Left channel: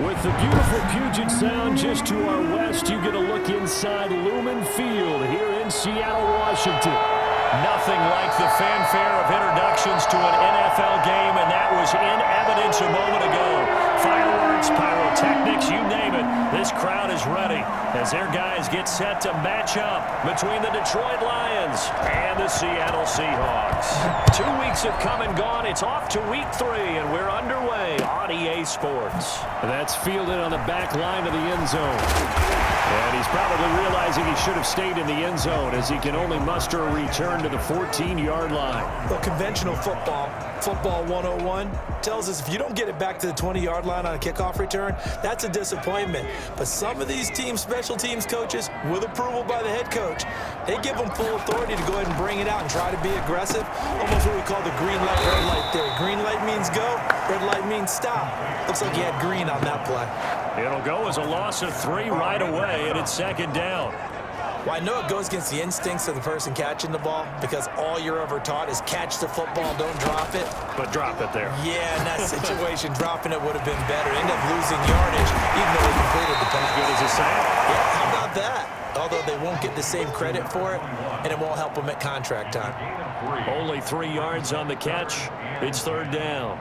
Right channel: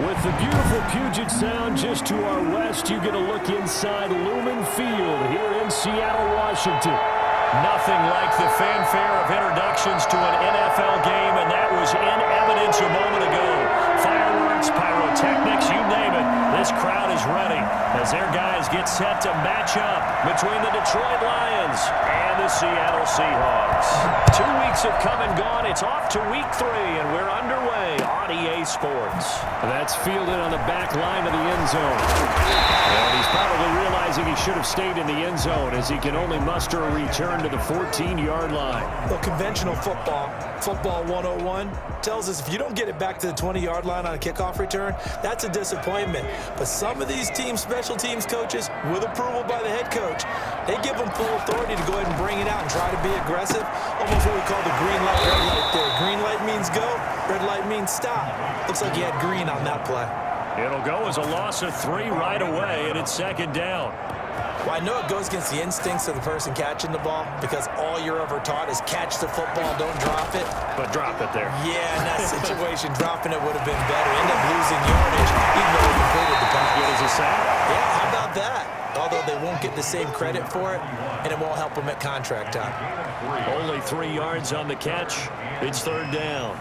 With the beautiful Puget Sound just to our west, you get a look inside Lumen Field here in Seattle, Washington. Nothing like the fanfare of introductions to an NFL game, and that was in evidence a moment ago. Fireworks, pyrotechnics, you name it. This crowd is ready as their guys get set to match up between the Detroit Lions and the Seattle Seahawks. 2 weeks have come and gone. It's off to week 3, and we're underway on EA Sports. That's fielded on the back line of the end zone. And he's probably realizing he should have stayed in the end zone as he can only muster a return to the 14-yard line. Well, conventional football 101, tells us if you don't get it back to the 20-yard line on a kickoff return, that's a disappointment. But some of these special teams coaches, with approval by the head coach, they give them full authority to go ahead and bring it out and try to be aggressive. Almost what we call the green light, red light theory. Green light means go, red light means stop. Looks like he had green on that play. It'll go as a loss of 3 right away, and it's second down. Well, I know it goes against the instincts of the person catching the ball because all you're ever taught is catch the football, don't drop it. But drop it there. Yeah, in that situation, dropping it would have been better. End up losing yardage, even though he completed the pass. As good as a sack. Yeah, how about that? Although they won't get the same credit for it, and it won't help them at contract time. Only 3 yards on the catch. It's third down.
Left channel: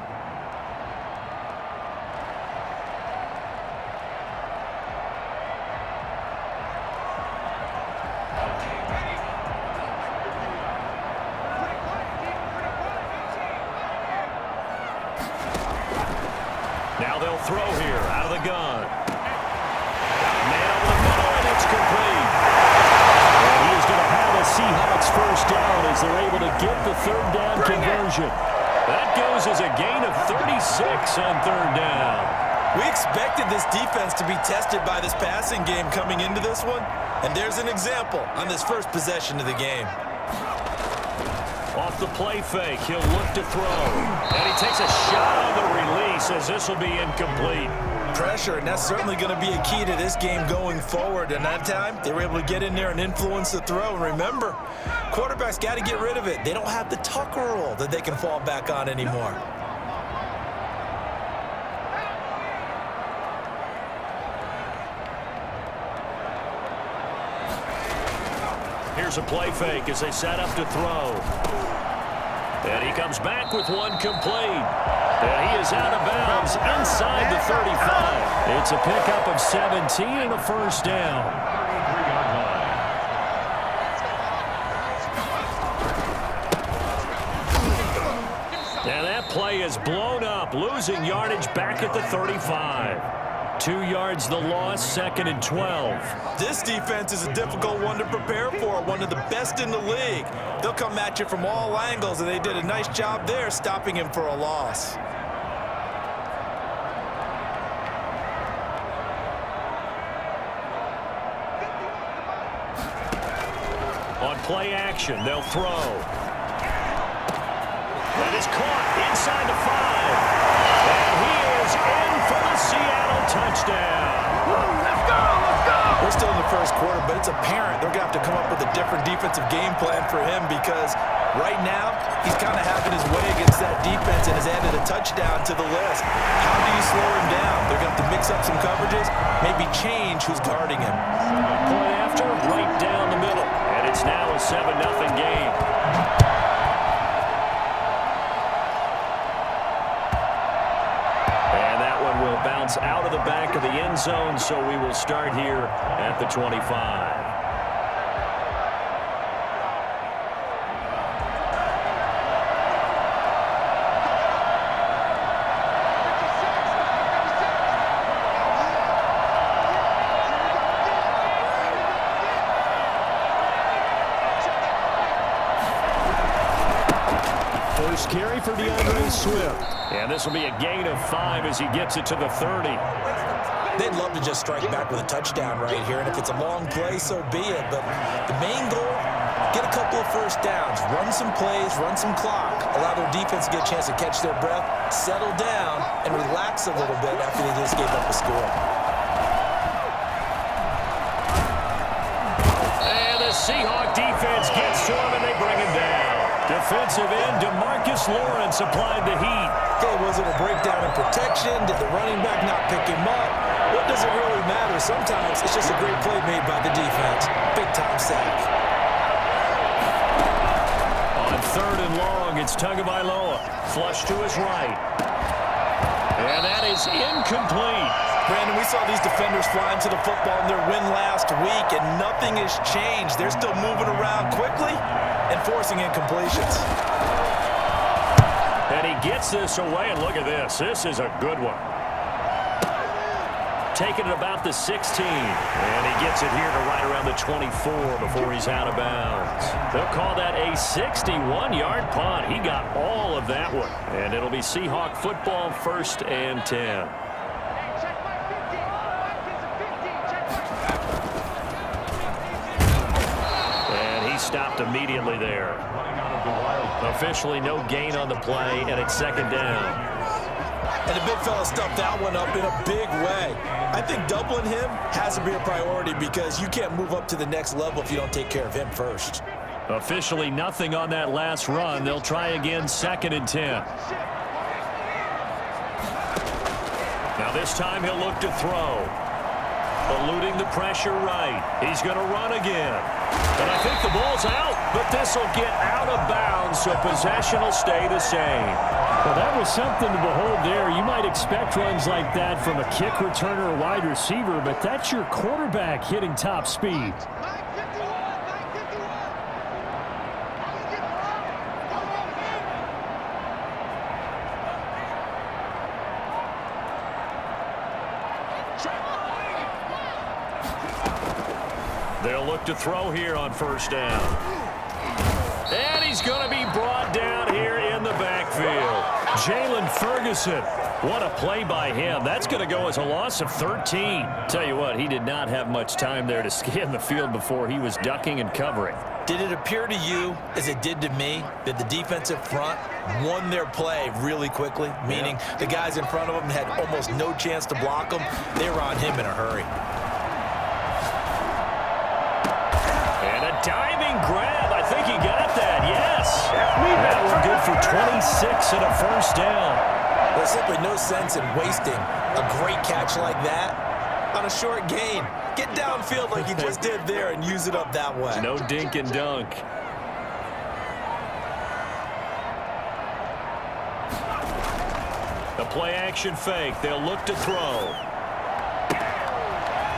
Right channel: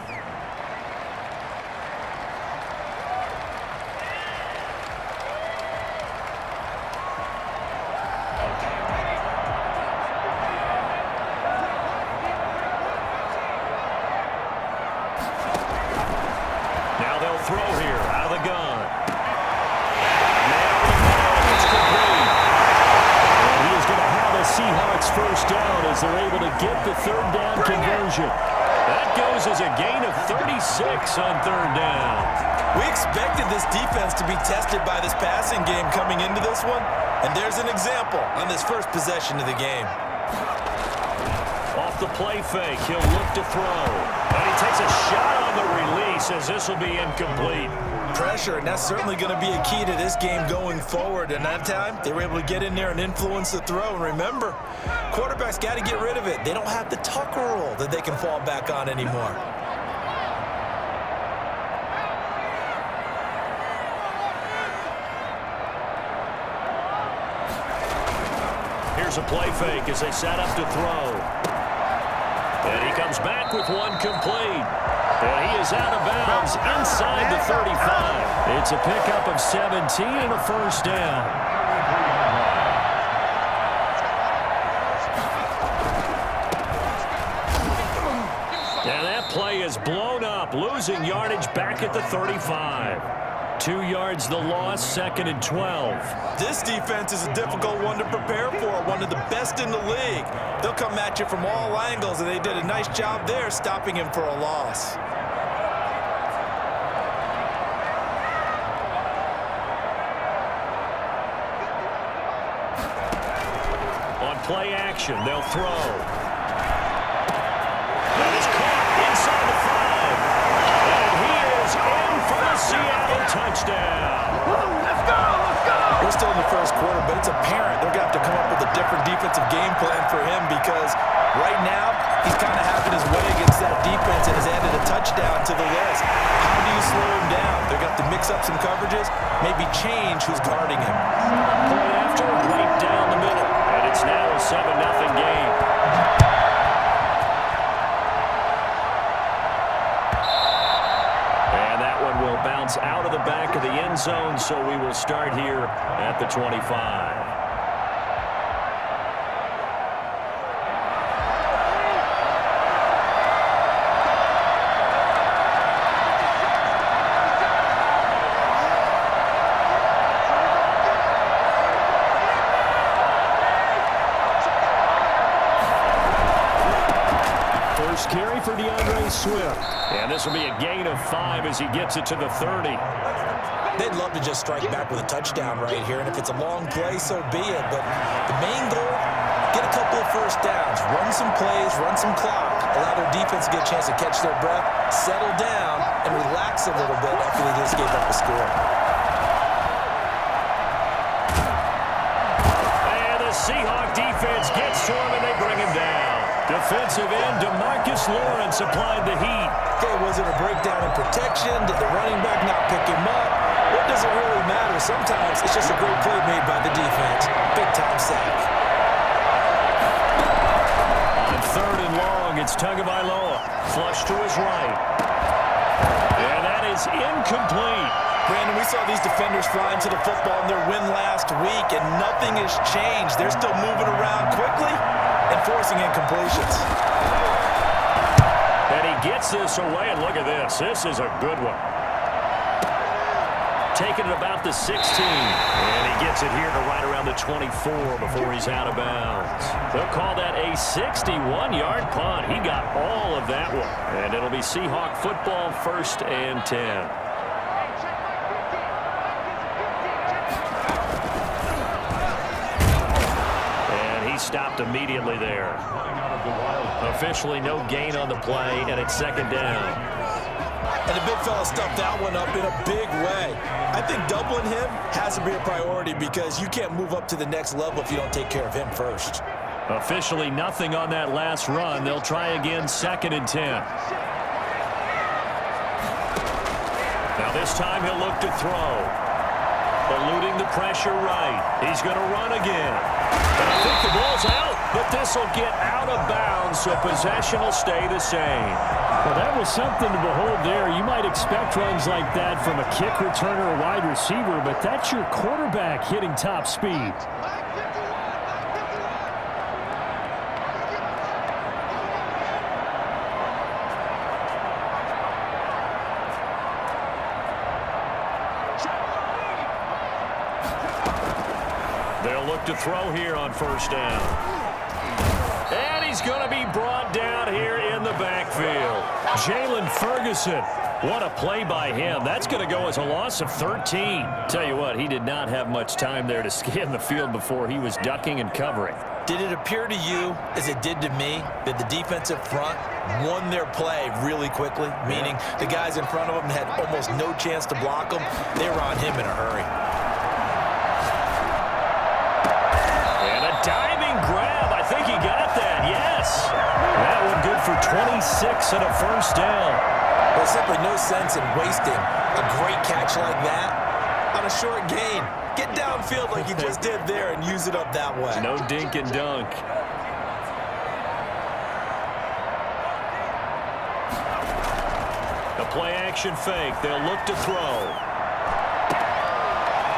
Now they'll throw here out of the gun. Man over the middle, and it's complete. And he is going to have a Seahawks first down as they're able to get the third down conversion. That goes as a gain of 36 on third down. We expected this defense to be tested by this passing game coming into this one, and there's an example on this first possession of the game. Off the play fake, he'll look to throw. And he takes a shot on the release as this will be incomplete. Pressure, and that's certainly going to be a key to this game going forward. And that time, they were able to get in there and influence the throw. And remember, quarterbacks got to get rid of it. They don't have the tuck rule that they can fall back on anymore. Here's a play fake as they set up to throw. And he comes back with one complete. And he is out of bounds inside the 35. It's a pickup of 17 and a first down. And that play is blown up, losing yardage back at the 35. 2 yards the loss, second and 12. This defense is a difficult one to prepare for, one of the best in the league. They'll come at you from all angles, and they did a nice job there stopping him for a loss. On play action, they'll throw. That is caught inside the 5. And he is in for the Seattle touchdown. Let's go, let's go! We're still in the first quarter, but it's apparent they're going to have to come up with a different defensive game plan for him because right now he's kind of having his way against that defense and has added a touchdown to the list. How do you slow him down? They're going to have to mix up some coverages, maybe change who's guarding him. Point after, right down the middle. And it's now a 7-0 game. Will bounce out of the back of the end zone, so we will start here at the 25. First carry for DeAndre Swift. And this will be a gain of 5 as he gets it to the 30. They'd love to just strike back with a touchdown right here, and if it's a long play, so be it. But the main goal, get a couple of first downs, run some plays, run some clock, allow their defense to get a chance to catch their breath, settle down, and relax a little bit after they just gave up a score. And the Seahawk defense gets to him, and they bring him down. Defensive end DeMarcus Lawrence applied the heat. Okay, was it a breakdown in protection? Did the running back not pick him up? What does it really matter? Sometimes it's just a great play made by the defense. Big-time sack. On 3rd and long, it's Tagovailoa. Flush to his right. And that is incomplete. Brandon, we saw these defenders fly into the football in their win last week, and nothing has changed. They're still moving around quickly and forcing incompletions. And he gets this away, and look at this. This is a good one. Taking it about the 16. And he gets it here to right around the 24 before he's out of bounds. They'll call that a 61-yard punt. He got all of that one. And it'll be Seahawk football, 1st and 10. Stopped immediately there. Officially no gain on the play, and it's 2nd down. And the big fella stuffed that one up in a big way. I think doubling him has to be a priority because you can't move up to the next level if you don't take care of him first. Officially nothing on that last run. They'll try again, 2nd and 10. Now this time he'll look to throw. Eluding the pressure right. He's going to run again. And I think the ball's out, but this will get out of bounds, so possession will stay the same. Well, that was something to behold there. You might expect runs like that from a kick returner or wide receiver, but that's your quarterback hitting top speed. They'll look to throw here on 1st down. And he's going to be brought down here in the backfield. Jalen Ferguson. What a play by him. That's going to go as a loss of 13. Tell you what, he did not have much time there to scan the field before he was ducking and covering. Did it appear to you, as it did to me, that the defensive front won their play really quickly? Meaning the guys in front of them had almost no chance to block them. They were on him in a hurry. Diving grab. I think he got that. Yes. That one good for 26 and a 1st down. There's simply no sense in wasting a great catch like that on a short gain. Get downfield like you just did there and use it up that way. No dink and dunk. The play action fake. They'll look to throw.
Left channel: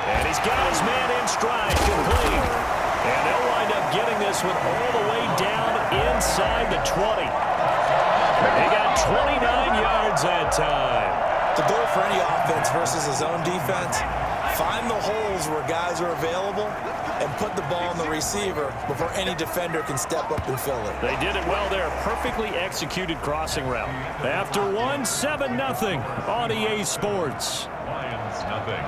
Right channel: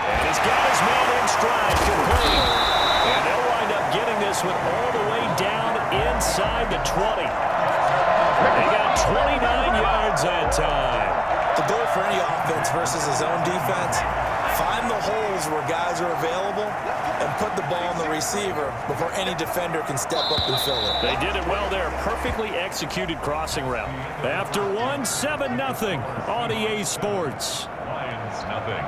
And he's got his man in stride. Complete. And they'll wind up getting this one all the way down inside the 20. They got 29 yards that time. The goal for any offense versus a zone defense, find the holes where guys are available and put the ball on the receiver before any defender can step up and fill it. They did it well there. Perfectly executed crossing route. After 7-0 on EA Sports. Lions nothing.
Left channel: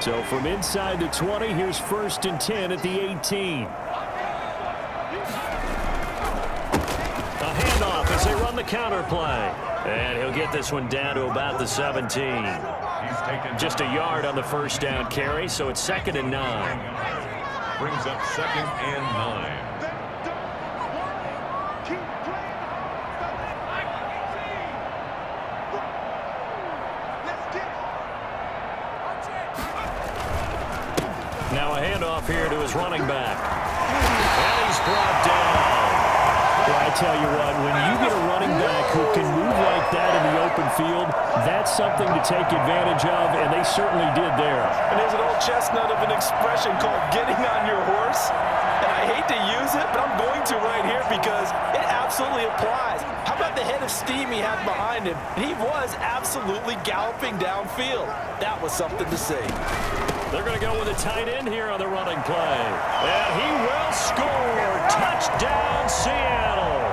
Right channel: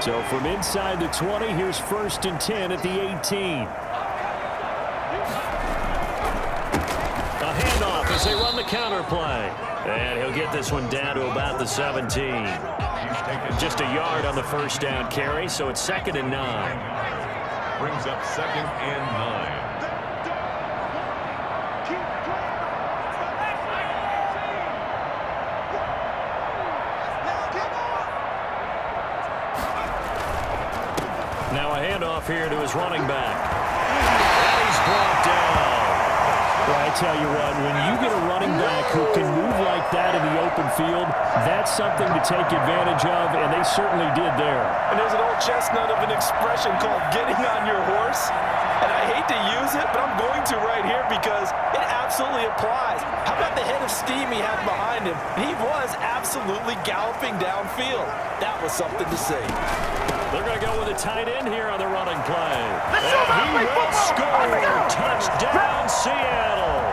So from inside the 20, here's 1st and 10 at the 18. A handoff as they run the counter play. And he'll get this one down to about the 17. Just a yard on the 1st down carry, so it's 2nd and 9. Brings up 2nd and 9. Now a handoff here to his running back. And he's brought down. Well, I tell you what, when you get a running back who can move like that in the open field, that's something to take advantage of, and they certainly did there. And there's an old chestnut of an expression called getting on your horse. And I hate to use it, but I'm going to right here because it absolutely applies. How about the head of steam he had behind him? He was absolutely galloping downfield. That was something to see. They're going to go with a tight end here on the running play. And he will score. Touchdown, Seattle.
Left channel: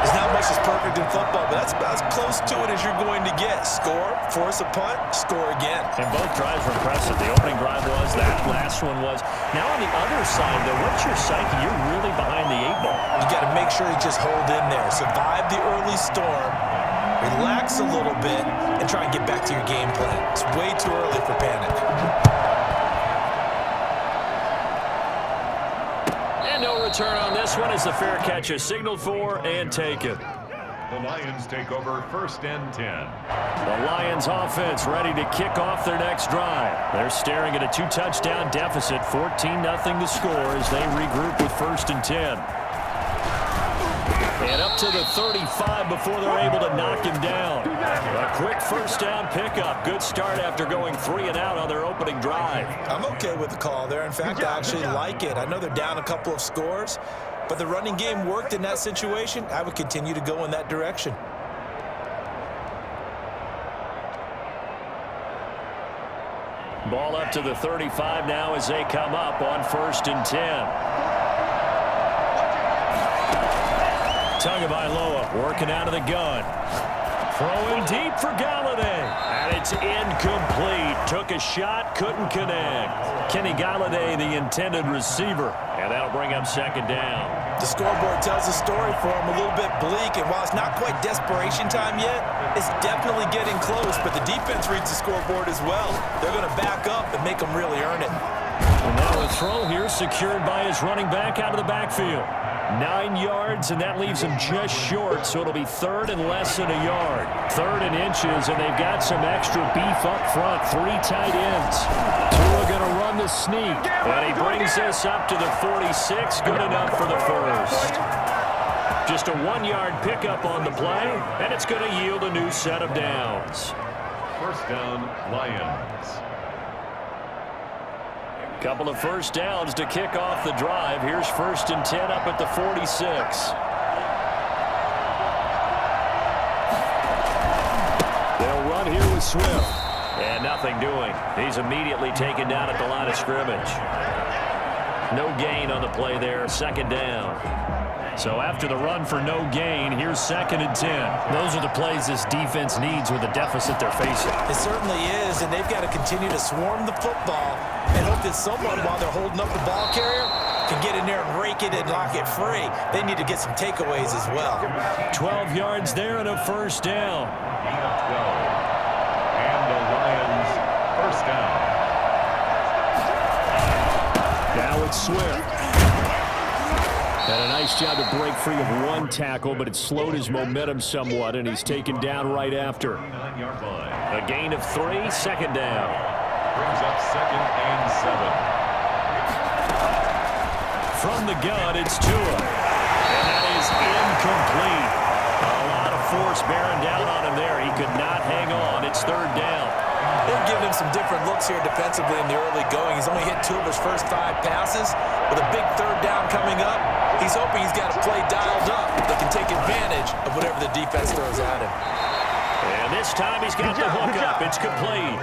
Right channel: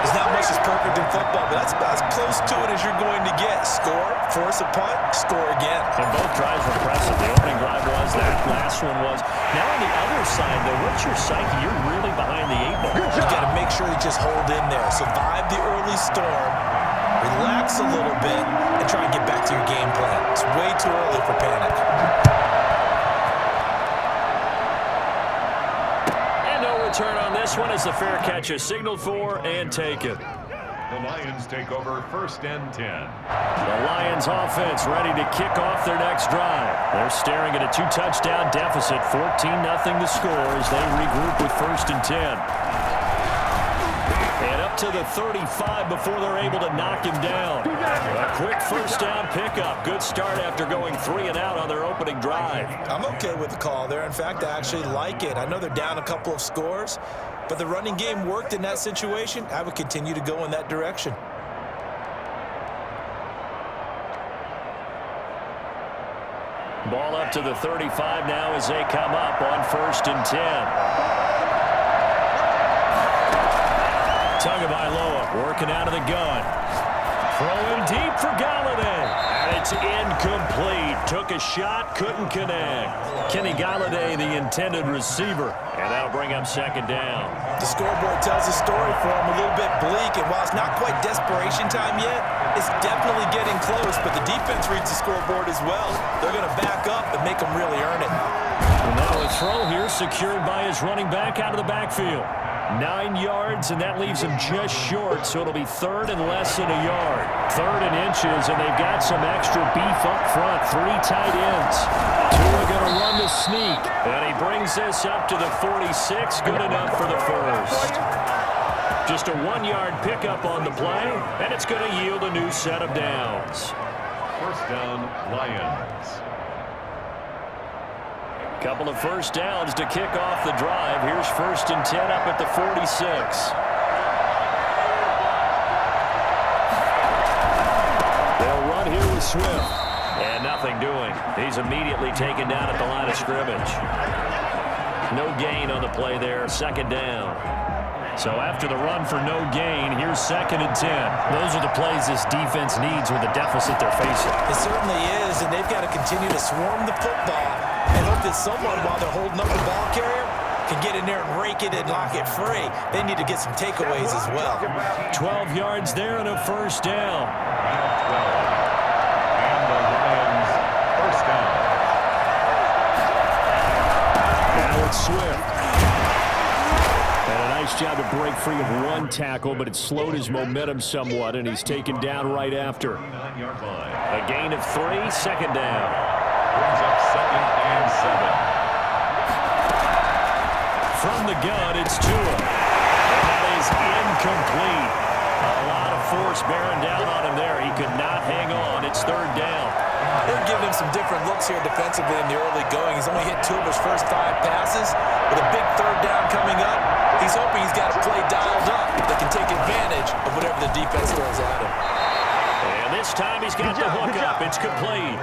There's not much that's perfect in football, but that's about as close to it as you're going to get. Score, force a punt, score again. And both drives were impressive. The opening drive was, that last one was. Now on the other side, though, what's your psyche? You're really behind the 8 ball. You got to make sure you just hold in there. Survive the early storm, relax a little bit, and try and get back to your game plan. It's way too early for panic. And no return on this one as the fair catch is signaled for and taken. The Lions take over 1st and 10. The Lions offense ready to kick off their next drive. They're staring at a 2-touchdown deficit, 14-0 the score as they regroup with 1st and 10. And up to the 35 before they're able to knock him down. A quick 1st down pickup. Good start after going 3 and out on their opening drive. I'm okay with the call there. In fact, I actually like it. I know they're down a couple of scores, but the running game worked in that situation. I would continue to go in that direction. Ball up to the 35 now as they come up on 1st and 10. Tagovailoa working out of the gun. Throwing deep for Galladay. And it's incomplete. Took a shot, couldn't connect. Kenny Galladay, the intended receiver. And that'll bring up 2nd down. The scoreboard tells a story for him, a little bit bleak. And while it's not quite desperation time yet, it's definitely getting close. But the defense reads the scoreboard as well. They're going to back up and make them really earn it. And now a throw here secured by his running back out of the backfield. 9 yards, and that leaves him just short, so it'll be 3rd and less than a yard. 3rd and inches, and they've got some extra beef up front. 3 tight ends. Tua going to run the sneak, and he brings this up to the 46. Good enough for the 1st. Just a 1-yard pickup on the play, and it's going to yield a new set of downs. 1st down, Lions. Couple of 1st downs to kick off the drive. Here's 1st and 10 up at the 46. They'll run here with Swift. And nothing doing. He's immediately taken down at the line of scrimmage. No gain on the play there. 2nd down. So after the run for no gain, here's 2nd and 10. Those are the plays this defense needs with the deficit they're facing. It certainly is, and they've got to continue to swarm the football and hope that someone, while they're holding up the ball carrier, can get in there and rake it and lock it free. They need to get some takeaways as well. 12 yards there and a 1st down. 12. And the Lions 1st down. Now it's Swift. And a nice job to break free of 1 tackle, but it slowed his momentum somewhat, and he's taken down right after. 9-yard line. A gain of 3, 2nd down. Brings up 2nd and 7. From the gun, it's Tua. And that is incomplete. A lot of force bearing down on him there. He could not hang on. It's 3rd down. They're giving him some different looks here defensively in the early going. He's only hit 2 of his first 5 passes. With a big 3rd down coming up, he's hoping he's got a play dialed up that can take advantage of whatever the defense throws at him. And this time he's got the hook up. It's complete.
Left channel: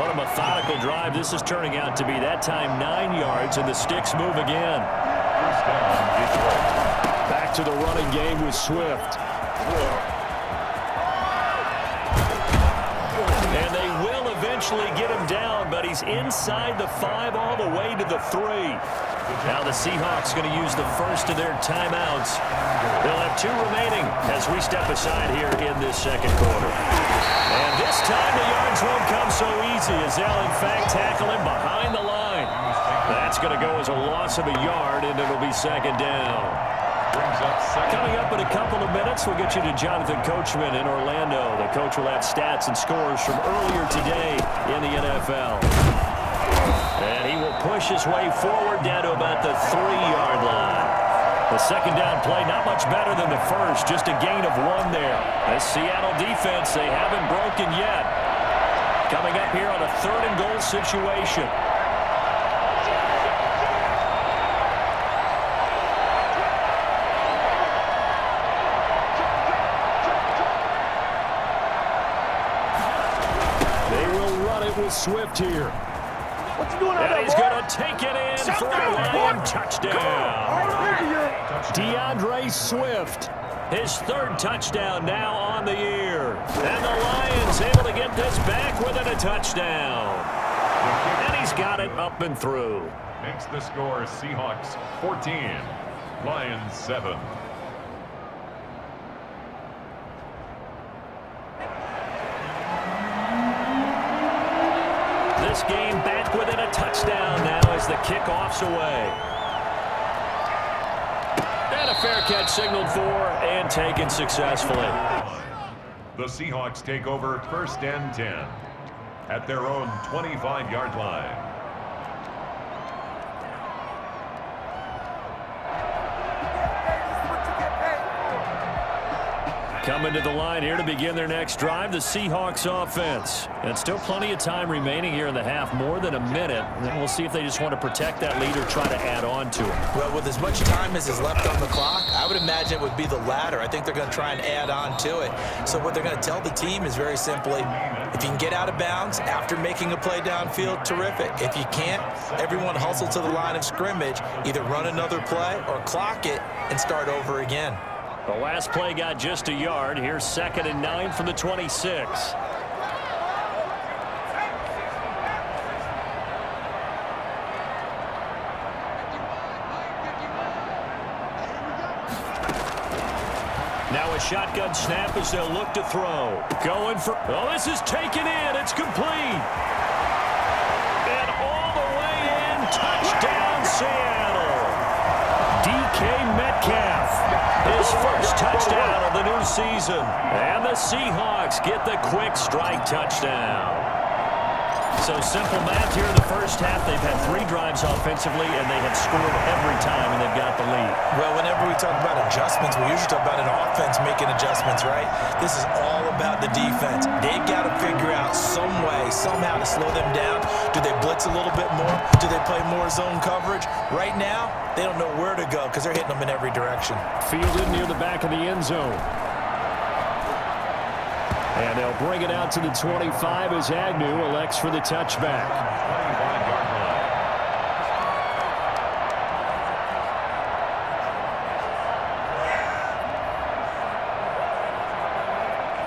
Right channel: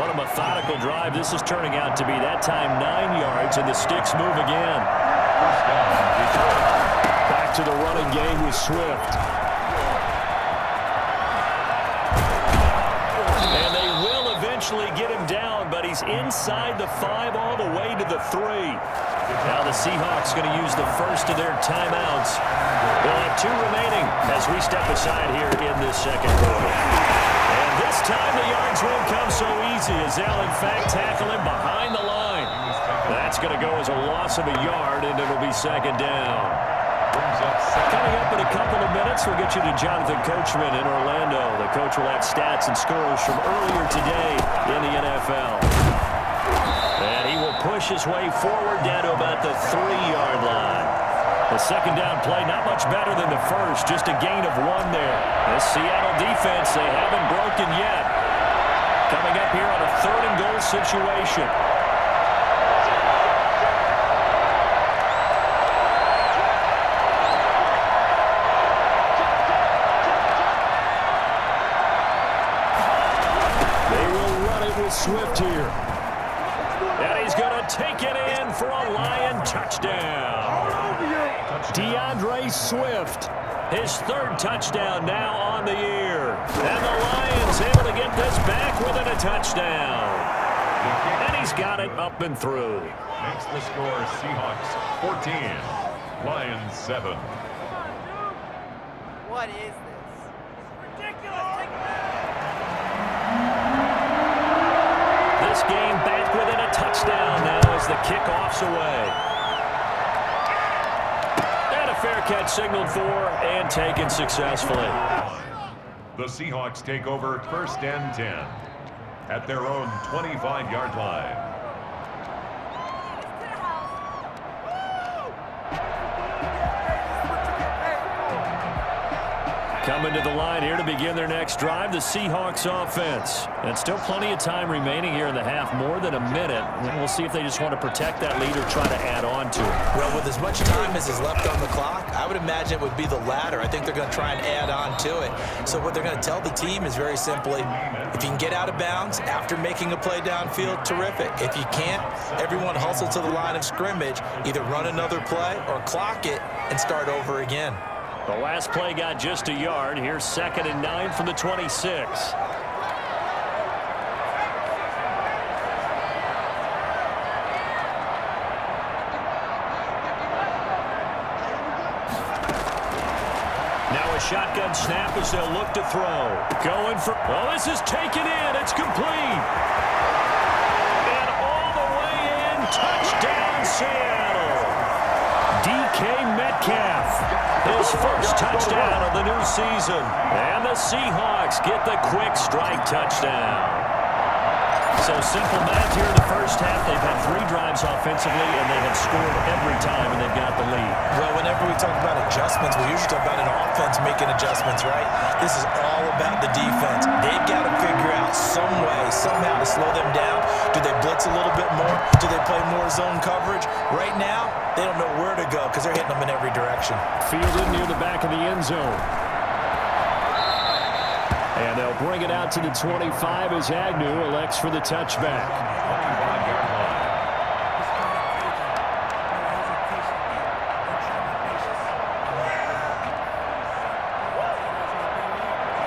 What a methodical drive this is turning out to be. That time 9 yards, and the sticks move again. 1st down, Detroit. Back to the running game with Swift. And they will eventually get him down, but he's inside the 5 all the way to the 3. Now the Seahawks going to use the 1st of their timeouts. They'll have 2 remaining as we step aside here in this 2nd quarter. And this time the yards won't come so easy as they'll in fact tackle him behind the line. That's going to go as a loss of a yard, and it'll be 2nd down. Coming up in a couple of minutes, we'll get you to Jonathan Coachman in Orlando. The coach will have stats and scores from earlier today in the NFL. And he will push his way forward down to about the 3-yard line. The 2nd down play, not much better than the 1st, just a gain of 1 there. The Seattle defense, they haven't broken yet. Coming up here on a 3rd and goal situation. With Swift here. And he's going to take it in for a Lion touchdown. DeAndre Swift, his 3rd touchdown now on the year. And the Lions able to get this back within a touchdown. And he's got it up and through. Makes the score Seahawks 14, Lions 7. What is this? This game back within a touchdown now as the kickoff's away. And a fair catch signaled for and taken successfully. The Seahawks take over 1st and 10 at their own 25-yard line. Coming to the line here to begin their next drive, the Seahawks offense. And still plenty of time remaining here in the half, more than a minute. And we'll see if they just want to protect that lead or try to add on to it. Well, with as much time as is left on the clock, I would imagine it would be the latter. I think they're going to try and add on to it. So what they're going to tell the team is very simply, if you can get out of bounds after making a play downfield, terrific. If you can't, everyone hustle to the line of scrimmage, either run another play or clock it and start over again. The last play got just a yard. Here's 2nd and 9 from the 26. Now a shotgun snap as they'll look to throw. Going for, oh, this is taken in. It's complete. And all the way in, touchdown Seattle. DK Metcalf. His first touchdown of the new season. And the Seahawks get the quick strike touchdown. So simple math here in the first half. They've had 3 drives offensively, and they have scored every time, and they've got the lead. Well, whenever we talk about adjustments, we usually talk about an offense making adjustments, right? This is all about the defense. They've got to figure out some way, somehow to slow them down. Do they blitz a little bit more? Do they play more zone coverage? Right now, they don't know where to go because they're hitting them in every direction. Fielded near the back of the end zone. And they'll bring it out to the 25 as Agnew elects for the touchback. 25-yard line.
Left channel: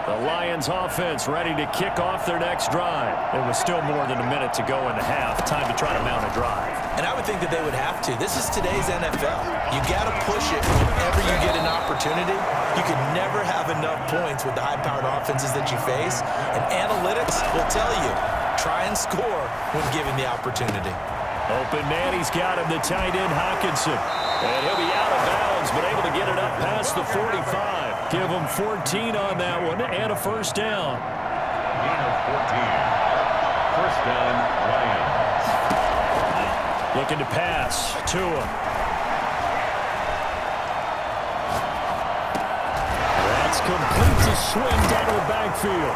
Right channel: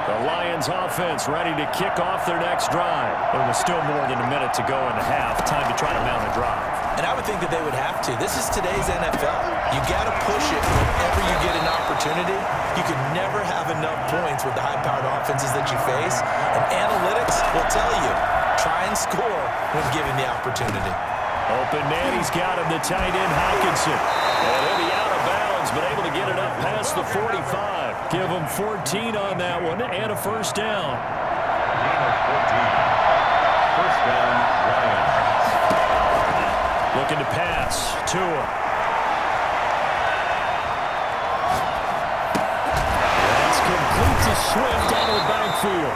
The Lions offense ready to kick off their next drive. It was still more than a minute to go in the half. Time to try to mount a drive. And I would think that they would have to. This is today's NFL. You got to push it whenever you get an opportunity. You can never have enough points with the high-powered offenses that you face. And analytics will tell you, try and score when given the opportunity. Open man, he's got him, the tight end Hockenson. And he'll be out of bounds, but able to get it up past the 45. Give him 14 on that one and a first down. Gain of 14. First down, Lions. Looking to pass. Tua. That's complete to swim down to the backfield.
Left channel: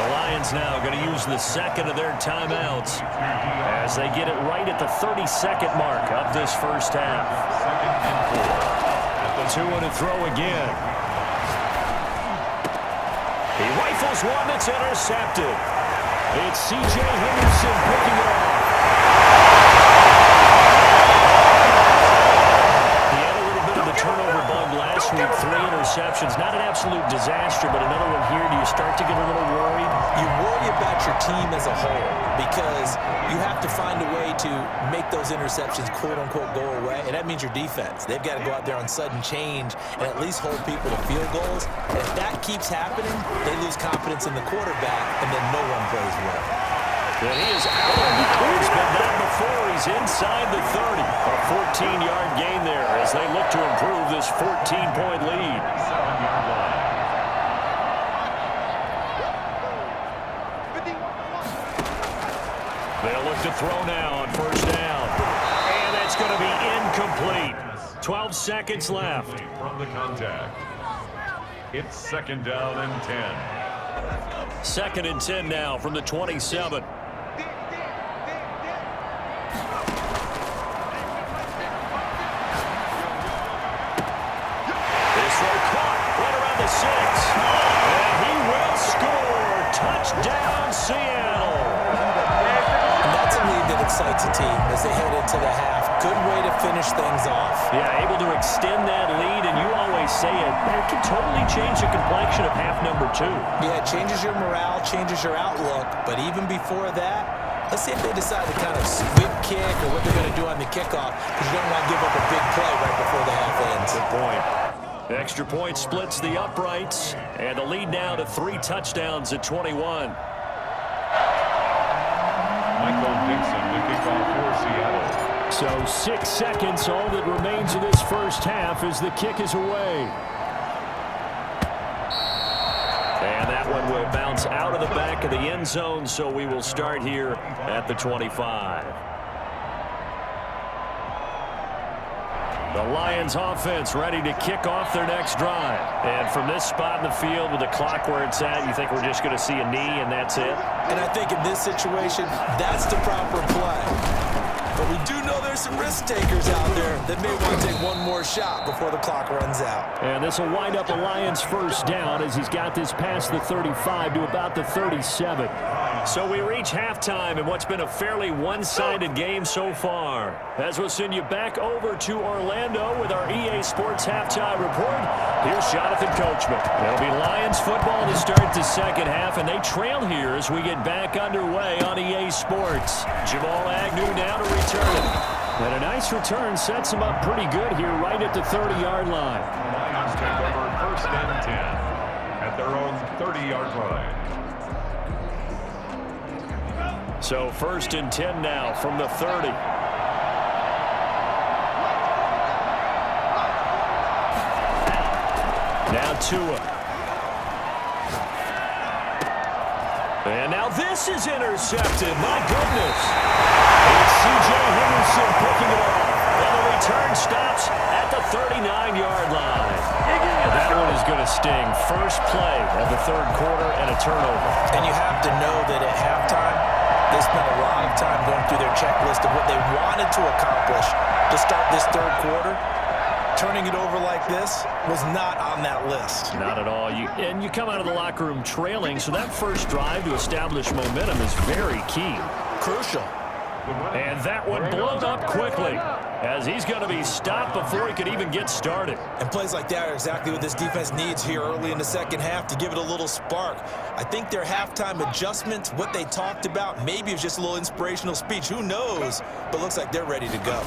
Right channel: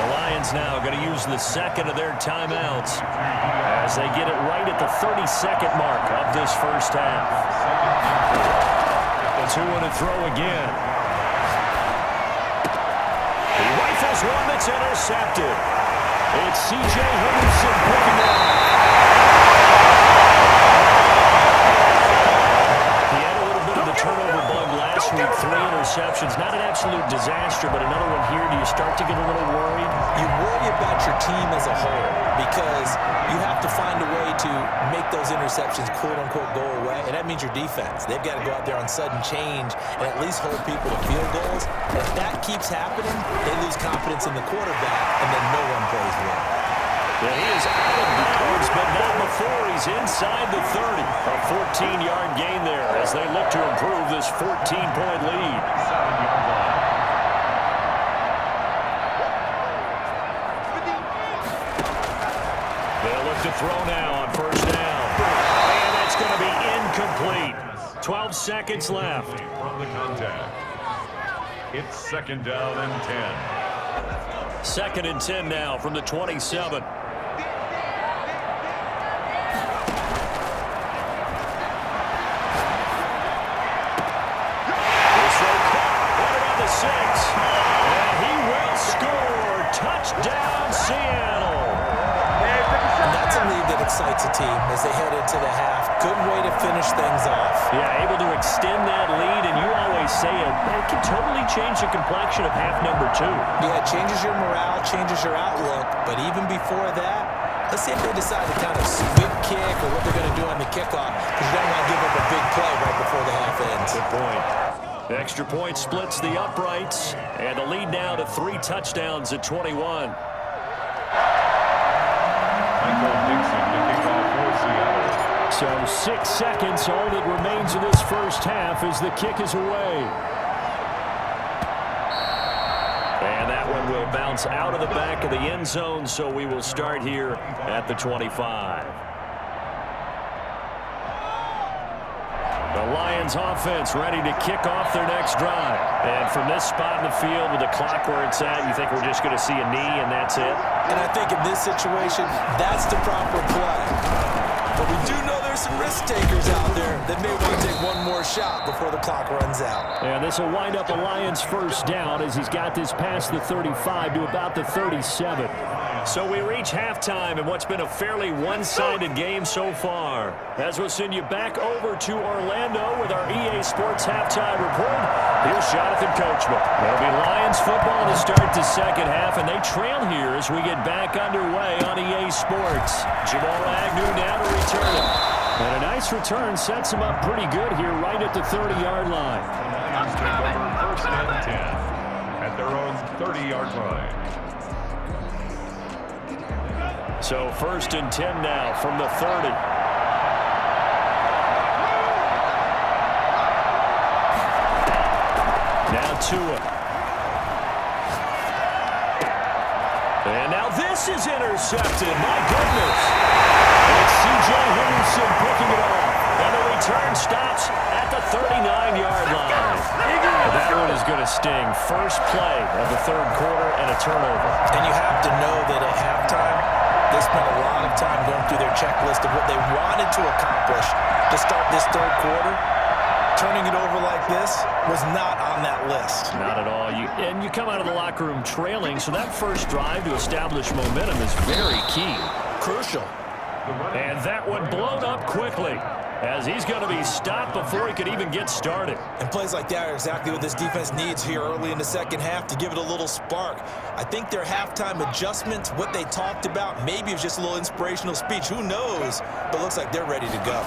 The Lions now going to use the second of their timeouts as they get it right at the 32nd mark of this first half. Second and 4. Tua to throw again. He rifles one that's intercepted. It's C.J. Henderson picking it off. He had a little bit of the turnover bug last week. 3 interceptions. Not an absolute disaster, but another one here. Do you start to get a little worried? You worry about your team as a whole because you have to find a way to make those interceptions quote-unquote go away, and that means your defense. They've got to go out there on sudden change and at least hold people to field goals. And if that keeps happening, they lose confidence in the quarterback, and then no one plays well. And he is out of bounds, but not before. He's inside the 30. A 14-yard gain there as they look to improve this 14-point lead. 7-yard line. They'll look to throw now on first down. And that's going to be incomplete. 12 seconds left. From the contact. It's 2nd down and 10. 2nd and 10 now from the 27. Throw caught right around the 6. And he will score. Touchdown, Seattle. And that's a lead that excites a team as they head into the half. Good way to finish things off. Yeah, able to extend that lead, and you always say it can totally change the complexion of half number 2. Yeah, it changes your morale, changes your outlook. But even before that, let's see if they decide to kind of squib kick or what they're going to do on the kickoff, because you don't want to give up a big play right before the half ends. Good point. Extra point splits the uprights, and the lead now to 3 touchdowns at 21. Michael Dixon to kick off for Seattle. So 6 seconds, all that remains in this first half as the kick is away. And that one will bounce out of the back of the end zone, so we will start here at the 25. The Lions offense ready to kick off their next drive. And from this spot in the field with the clock where it's at, you think we're just going to see a knee and that's it? And I think in this situation, that's the proper play. But we do know there's some risk takers out there that may want to take one more shot before the clock runs out. And this will wind up a Lions first down as he's got this past the 35 to about the 37. So we reach halftime in what's been a fairly one-sided game so far. As we'll send you back over to Orlando with our EA Sports halftime report, here's Jonathan Coachman. It'll be Lions football to start the second half, and they trail here as we get back underway on EA Sports. Jamal Agnew now to return it. And a nice return sets him up pretty good here right at the 30-yard line. The Lions take over first and 10 at their own 30-yard line. So first and 10 now from the 30. Now Tua. And now this is intercepted. My goodness. It's C.J. Henderson picking it off. And the return stops at the 39-yard line. That one is going to sting. First play of the third quarter and a turnover. And you have to know that at halftime, they spent a lot of time going through their checklist of what they wanted to accomplish to start this third quarter. Turning it over like this was not on that list. Not at all. And you come out of the locker room trailing, so that first drive to establish momentum is very key. Crucial. And that one blown up quickly as he's going to be stopped before he could even get started. And plays like that are exactly what this defense needs here early in the second half to give it a little spark. I think their halftime adjustments, what they talked about, maybe it was just a little inspirational speech. Who knows? But looks like they're ready to go.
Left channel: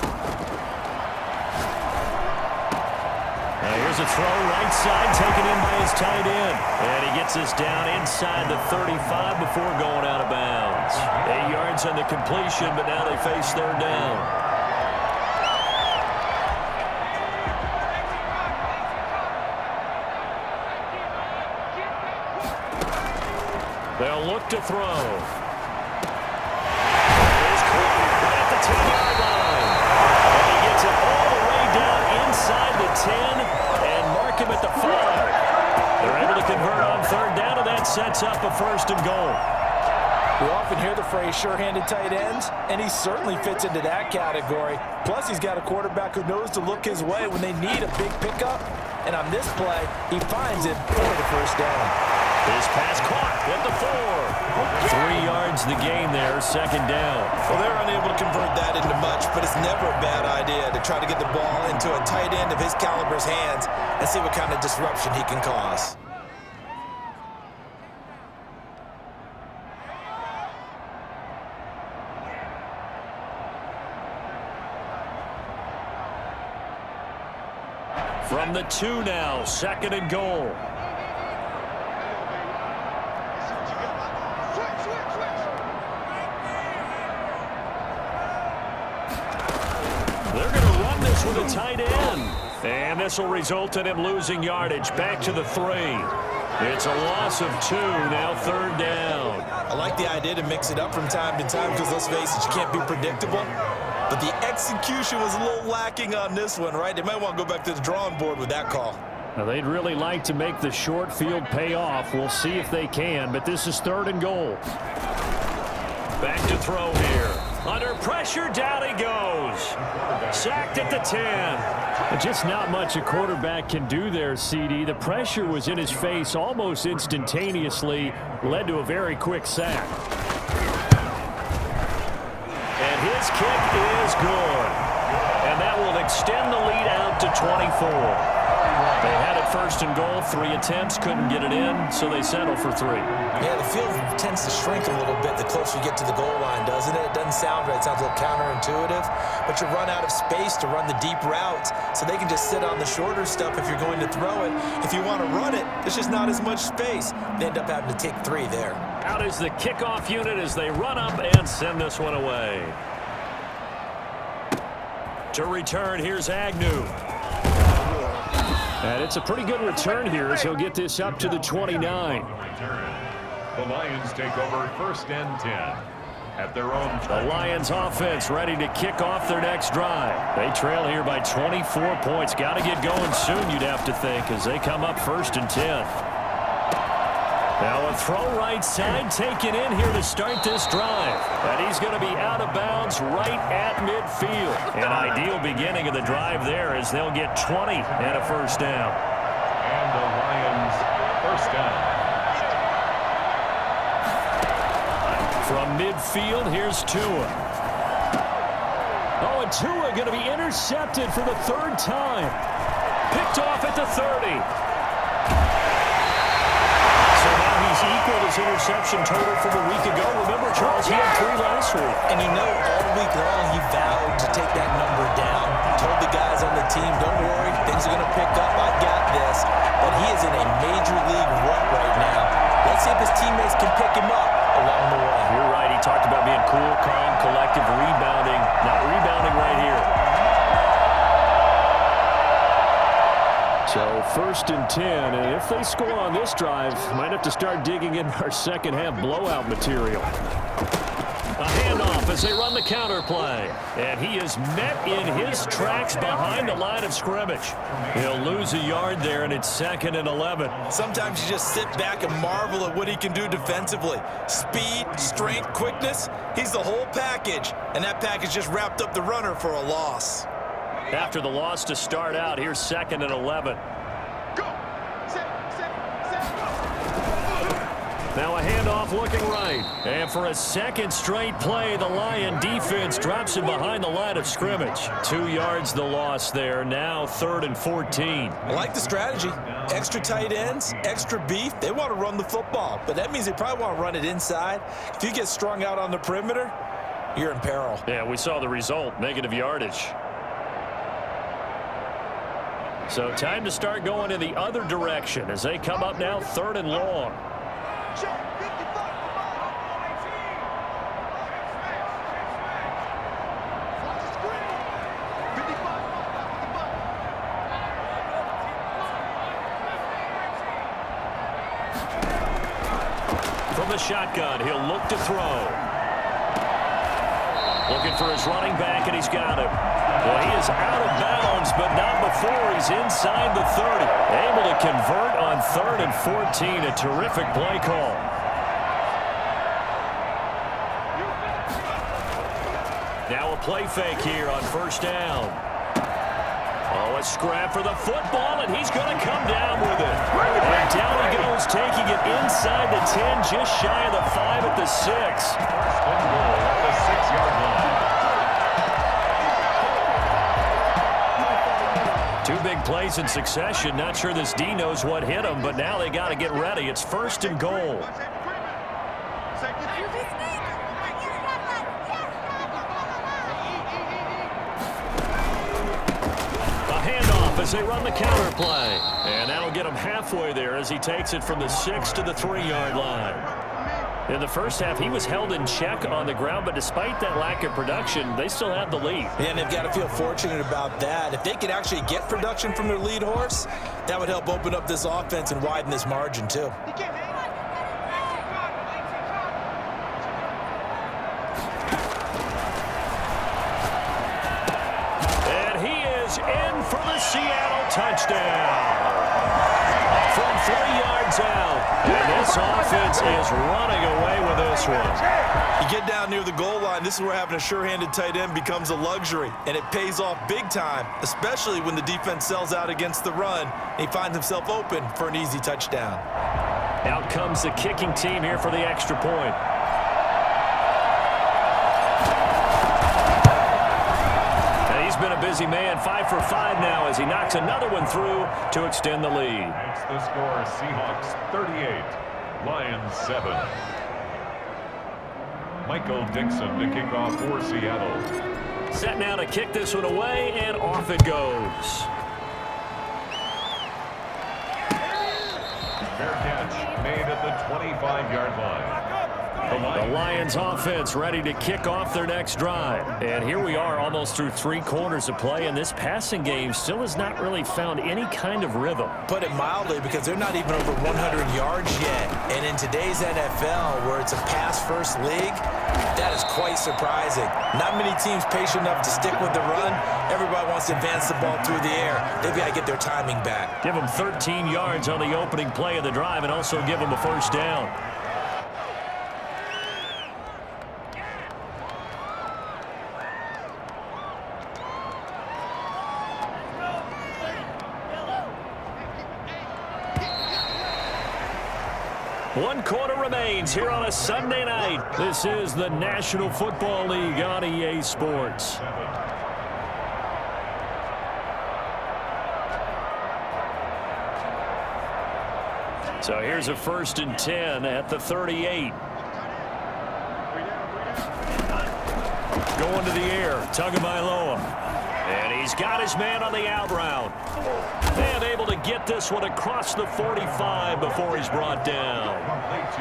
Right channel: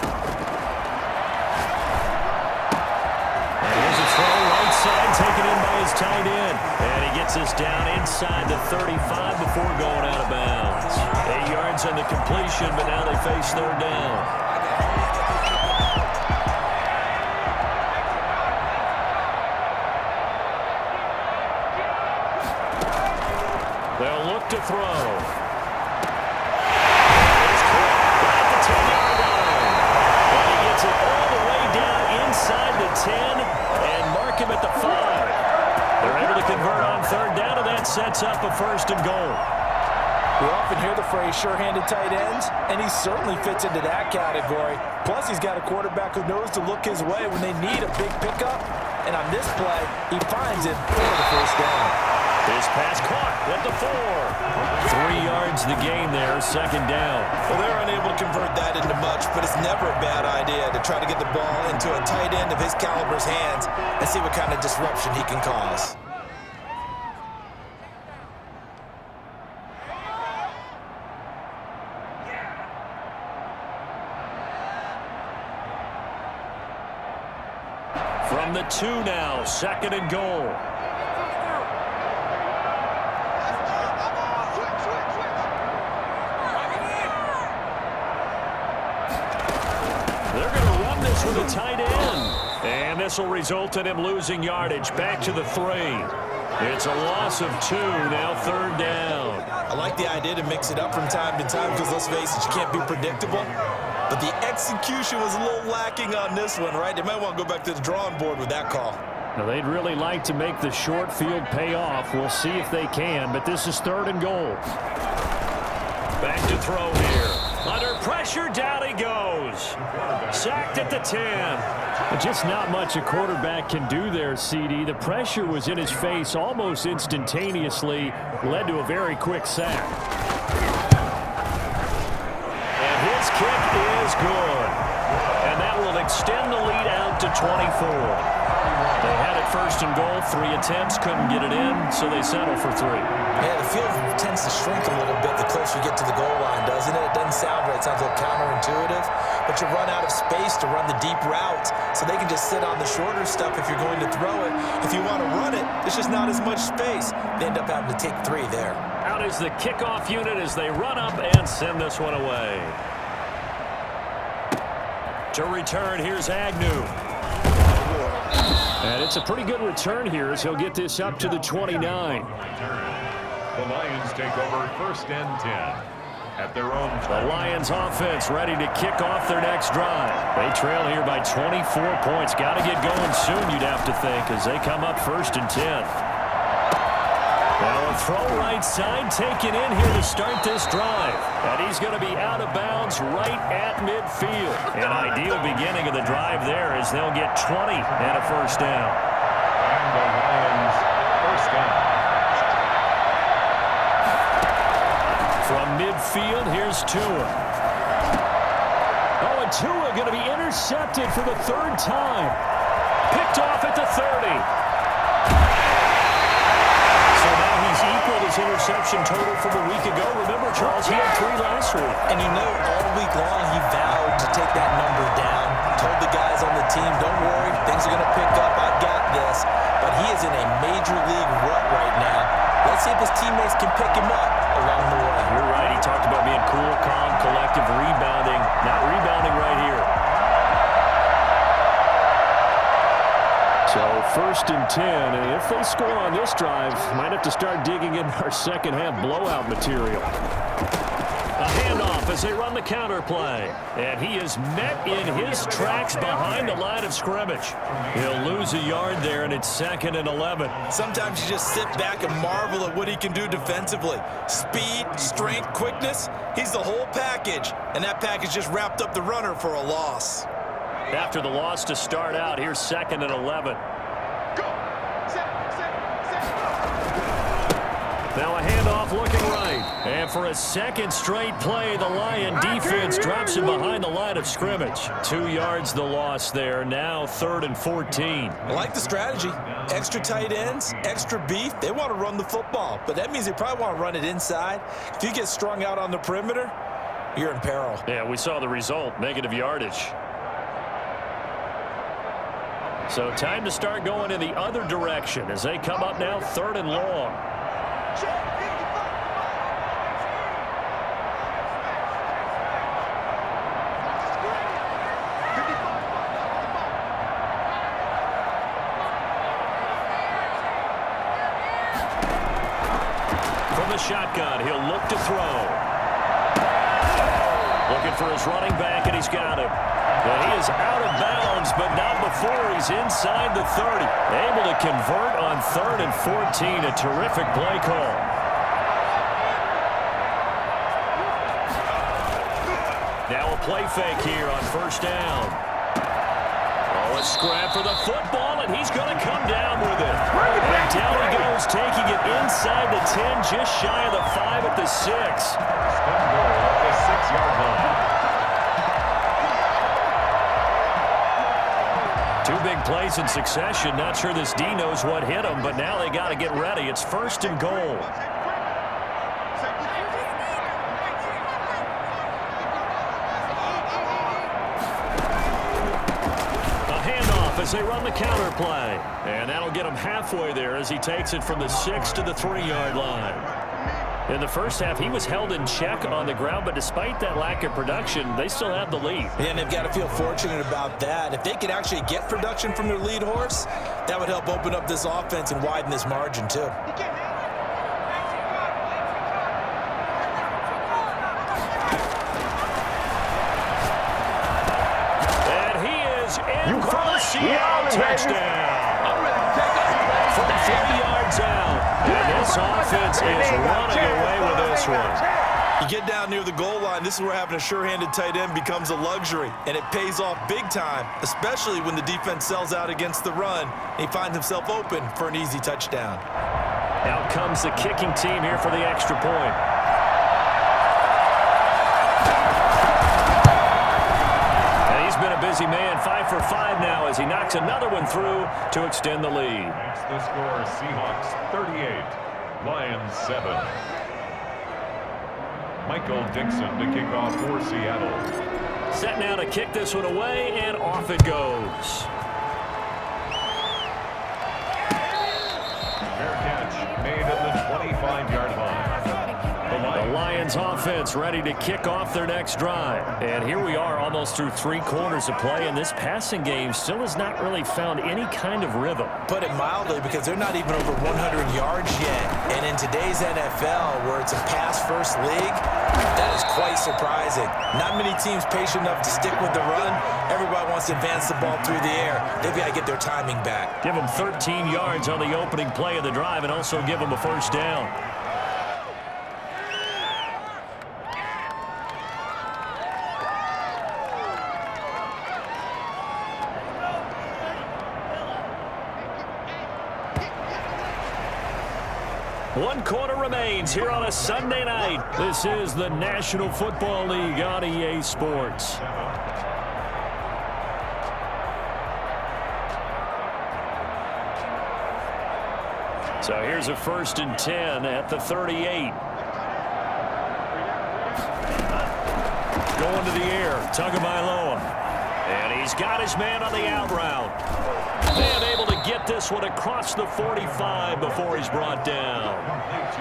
And here's a throw right side taken in by his tight end. And he gets us down inside the 35 before going out of bounds. 8 yards on the completion, but now they face third down. They'll look to throw. And he's caught right at the 10-yard line. And he gets it all the way down inside the 10 and mark him at the 5. They're able to convert on third down, and that sets up a first and goal. We often hear the phrase sure-handed tight ends, and he certainly fits into that category. Plus, he's got a quarterback who knows to look his way when they need a big pickup. And on this play, he finds it for the first down. His pass caught at the 4. 3 yards the gain there, second down. Well, they're unable to convert that into much, but it's never a bad idea to try to get the ball into a tight end of his caliber's hands and see what kind of disruption he can cause. From the 2 now, second and goal. They're going to run this with a tight end. And this will result in him losing yardage back to the 3. It's a loss of 2, now third down. I like the idea to mix it up from time to time because, let's face it, you can't be predictable. But the execution was a little lacking on this one, right? They might want to go back to the drawing board with that call. Now, they'd really like to make the short field pay off. We'll see if they can, but this is third and goal. Back to throw here. Under pressure, down he goes. Sacked at the 10. Just not much a quarterback can do there, CD. The pressure was in his face almost instantaneously, led to a very quick sack. And his kick is good. And that will extend the lead out to 24. They had it first and goal, 3 attempts, couldn't get it in, so they settle for 3. Yeah, the field tends to shrink a little bit the closer you get to the goal line, doesn't it? It doesn't sound right. It sounds a little counterintuitive, but you run out of space to run the deep routes, so they can just sit on the shorter stuff if you're going to throw it. If you want to run it, there's just not as much space. They end up having to take 3 there. Out is the kickoff unit as they run up and send this one away. To return, here's Agnew. And it's a pretty good return here as he'll get this up to the 29. The Lions take over 1st and 10 at their own 20. The Lions offense ready to kick off their next drive. They trail here by 24 points. Got to get going soon, you'd have to think, as they come up 1st and 10. Now a throw right side taken in here to start this drive. And he's going to be out of bounds right at midfield. An ideal beginning of the drive there as they'll get 20 and a 1st down. And the Lions 1st down. From midfield, here's Tua. Oh, and Tua going to be intercepted for the 3rd time. Picked off at the 30. So now he's equaled his interception total from a week ago. Remember, Charles, he had 3 last week. And you know, all week long, he vowed to take that number down. Told the guys on the team, don't worry, things are going to pick up. I've got this. But he is in a major league rut right now. Let's see if his teammates can pick him up along the way. You're right. He talked about being cool, calm, collective, rebounding. Not rebounding right here. So 1st and 10, and if they score on this drive, might have to start digging in our second half blowout material. A handoff as they run the counter play. And he is met in his tracks behind the line of scrimmage. He'll lose a yard there, and it's 2nd and 11. Sometimes you just sit back and marvel at what he can do defensively. Speed, strength, quickness, he's the whole package. And that package just wrapped up the runner for a loss. After the loss to start out, here's 2nd and 11. Now a handoff looking right. And for a 2nd straight play, the Lion defense drops him behind the line of scrimmage. 2 yards the loss there. Now 3rd and 14. I like the strategy. Extra tight ends, extra beef. They want to run the football, but that means they probably want to run it inside. If you get strung out on the perimeter, you're in peril. Yeah, we saw the result, negative yardage. So time to start going in the other direction as they come up now 3rd and long. From the shotgun, he'll look to throw. Looking for his running back, and he's got him. Well, he is out of bounds, but not before he's inside the 30. Able to convert on 3rd and 14. A terrific play call. Now a play fake here on 1st down. Oh, a scrap for the football, and he's going to come down with it. And down he goes, taking it inside the 10, just shy of the 5 at the 6. 1st and goal at the 6-yard line. 2 big plays in succession. Not sure this D knows what hit him, but now they got to get ready. It's 1st and goal. A handoff as they run the counter play. And that'll get him halfway there as he takes it from the 6 to the 3-yard line. In the first half, he was held in check on the ground, but despite that lack of production, they still have the lead. And they've got to feel fortunate about that. If they could actually get production from their lead horse, that would help open up this offense and widen this margin, too. And he is in for the Seattle touchdown. From 3 yards out. And this offense is running away with this one. You get down near the goal line, this is where having a sure-handed tight end becomes a luxury, and it pays off big time, especially when the defense sells out against the run, and he finds himself open for an easy touchdown. Out comes the kicking team here for the extra point. And he's been a busy man, 5 for 5 now as he knocks another one through to extend the lead. Makes the score Seahawks 38, Lions 7. Michael Dixon to kick off for Seattle. Set now to kick this one away, and off it goes. Fair catch made at the 25-yard line. The The Lions offense ready to kick off their next drive. And here we are almost through 3 quarters of play, and this passing game still has not really found any kind of rhythm. Put it mildly, because they're not even over 100 yards yet. And in today's NFL, where it's a pass-first league, that is quite surprising. Not many teams patient enough to stick with the run. Everybody wants to advance the ball through the air. They've got to get their timing back. Give them 13 yards on the opening play of the drive and also give them a first down. One quarter remains here on a Sunday night. This is the National Football League on EA Sports. So here's a 1st and 10 at the 38. Going to the air, Tagovailoa. And he's got his man on the out route. And able to get this one across the 45 before he's brought down.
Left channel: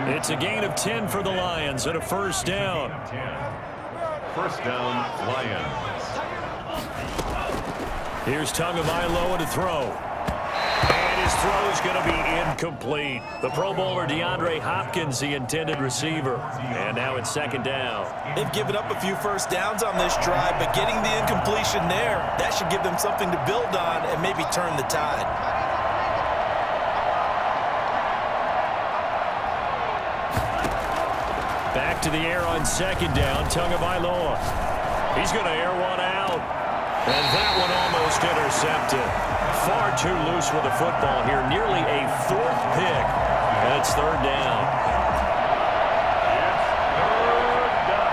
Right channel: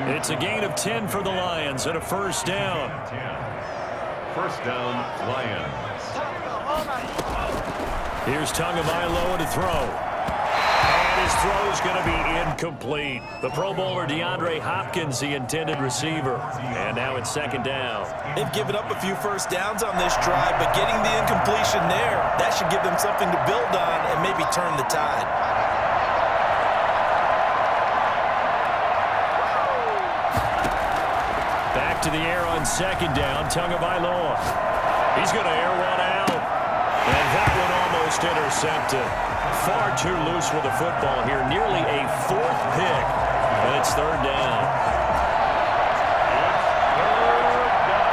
It's a gain of 10 for the Lions and a first down. First down, Lions. Here's Tagovailoa to throw. And his throw's going to be incomplete. The Pro Bowler DeAndre Hopkins, the intended receiver. And now it's 2nd down. They've given up a few first downs on this drive, but getting the incompletion there, that should give them something to build on and maybe turn the tide. Back to the air on 2nd down, Tagovailoa. He's going to air one out. And that one almost intercepted. Far too loose with the football here. Nearly a 4th pick. And it's 3rd down. It's 3rd down.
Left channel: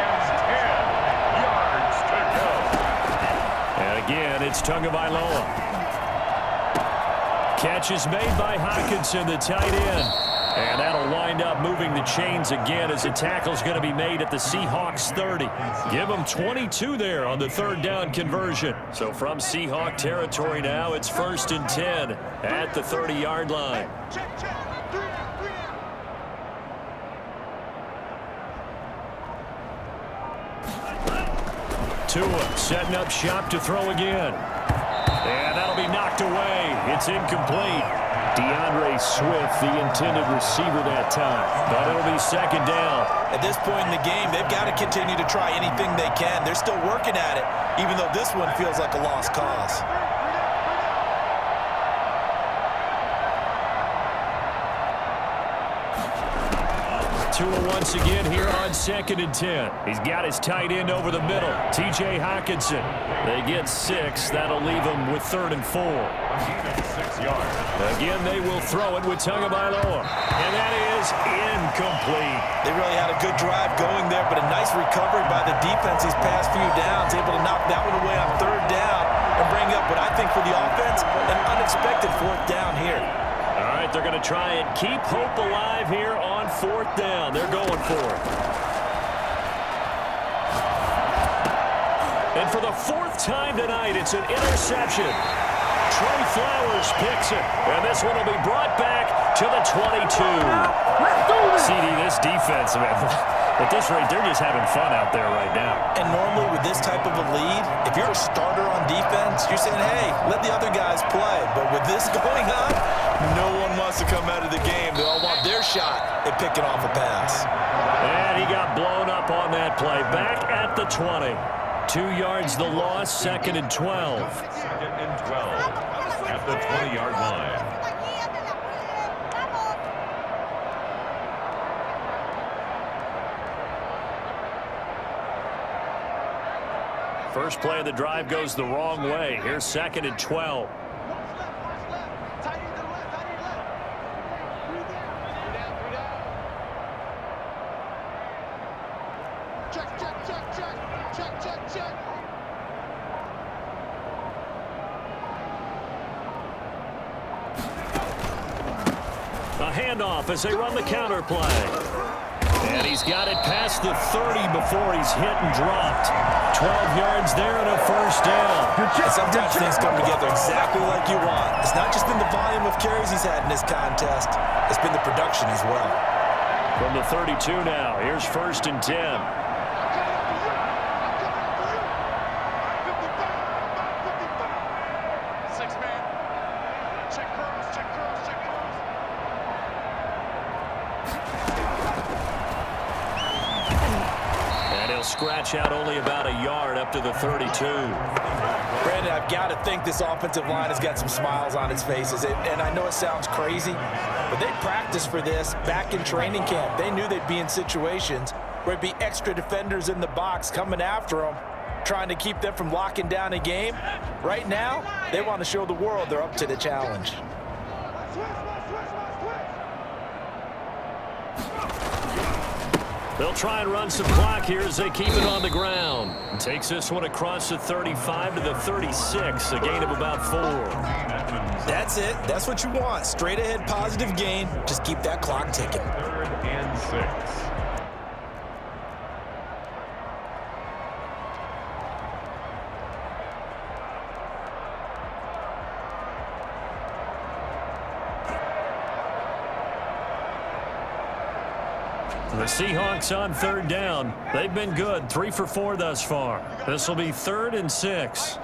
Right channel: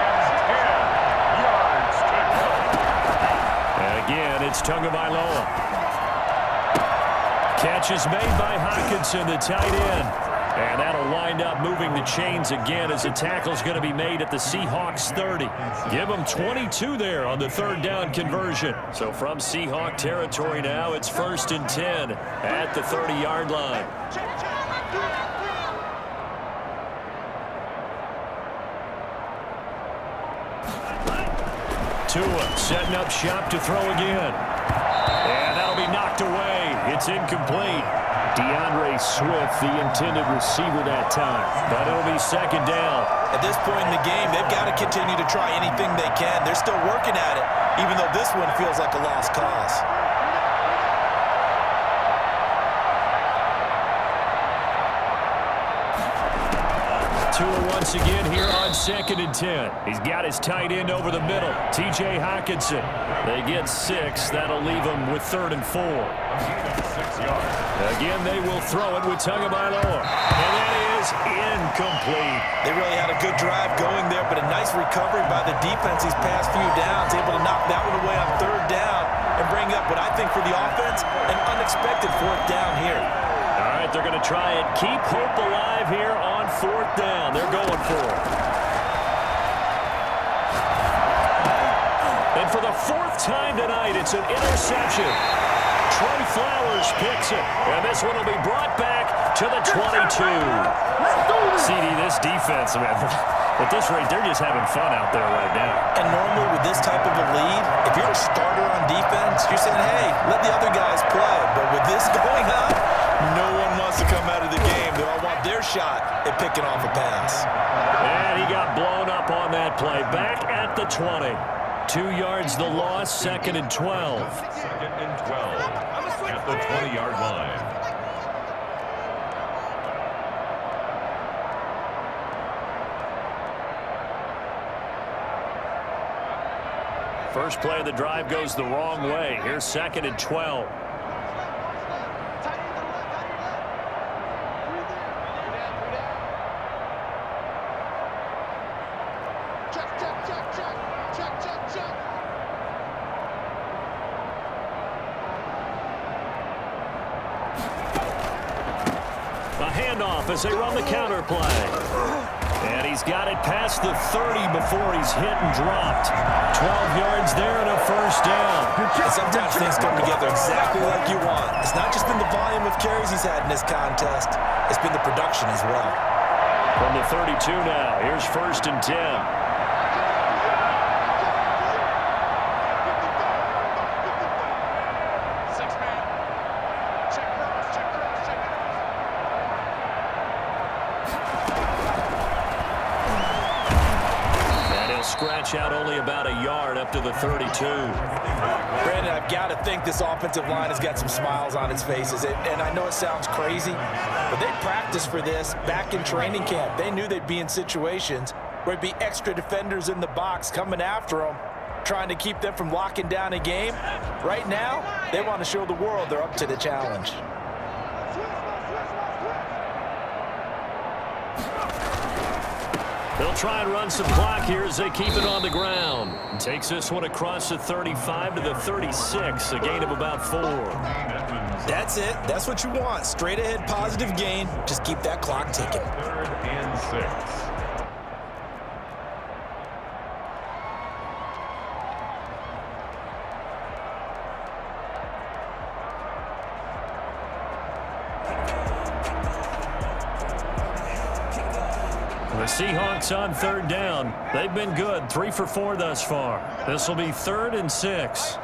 And 10 yards to go. And again, it's Tagovailoa. Catch is made by Hockenson, the tight end. And that'll wind up moving the chains again as the tackle's going to be made at the Seahawks 30. Give them 22 there on the 3rd down conversion. So from Seahawk territory now, it's 1st and 10 at the 30-yard line. Tua setting up shop to throw again. And that'll be knocked away. It's incomplete. DeAndre Swift, the intended receiver that time. But it'll be 2nd down. At this point in the game, they've got to continue to try anything they can. They're still working at it, even though this one feels like a lost cause. Tua once again here on 2nd and 10. He's got his tight end over the middle, T.J. Hockenson. They get 6. That'll leave them with 3rd and 4. 6 yards. Again, they will throw it with Tagovailoa. And that is incomplete. They really had a good drive going there, but a nice recovery by the defense these past few downs, able to knock that one away on 3rd down and bring up what I think for the offense, an unexpected 4th down here. All right, they're going to try and keep hope alive here on 4th down. They're going for it. And for the 4th time tonight, it's an interception. Trey Flowers picks it, and this one will be brought back to the 22. CD, this defense, man, at this rate, they're just having fun out there right now. And normally with this type of a lead, if you're a starter on defense, you're saying, hey, let the other guys play. But with this going on, no one wants to come out of the game. They all want their shot at picking off a pass. And he got blown up on that play. Back at the 20. 2 yards the loss, 2nd and 12. 2nd and 12 at the 20-yard line. First play of the drive goes the wrong way. Here's 2nd and 12. A handoff as they run the counter play. And he's got it past the 30 before he's hit and dropped. 12 yards there and a first down. And sometimes things come together exactly like you want. It's not just been the volume of carries he's had in this contest. It's been the production as well. From the 32 now, here's 1st and 10. Scratch out only about a yard up to the 32. Brandon, I've got to think this offensive line has got some smiles on its faces. And I know it sounds crazy, but they practiced for this back in training camp. They knew they'd be in situations where there'd be extra defenders in the box coming after them, trying to keep them from locking down a game. Right now, they want to show the world they're up to the challenge. They'll try and run some clock here as they keep it on the ground. Takes this one across the 35 to the 36, a gain of about 4. That's it. That's what you want. Straight ahead, positive gain. Just keep that clock ticking. 3rd and 6. The Seahawks on 3rd down. They've been good, 3 for 4 thus far. This will be 3rd and 6.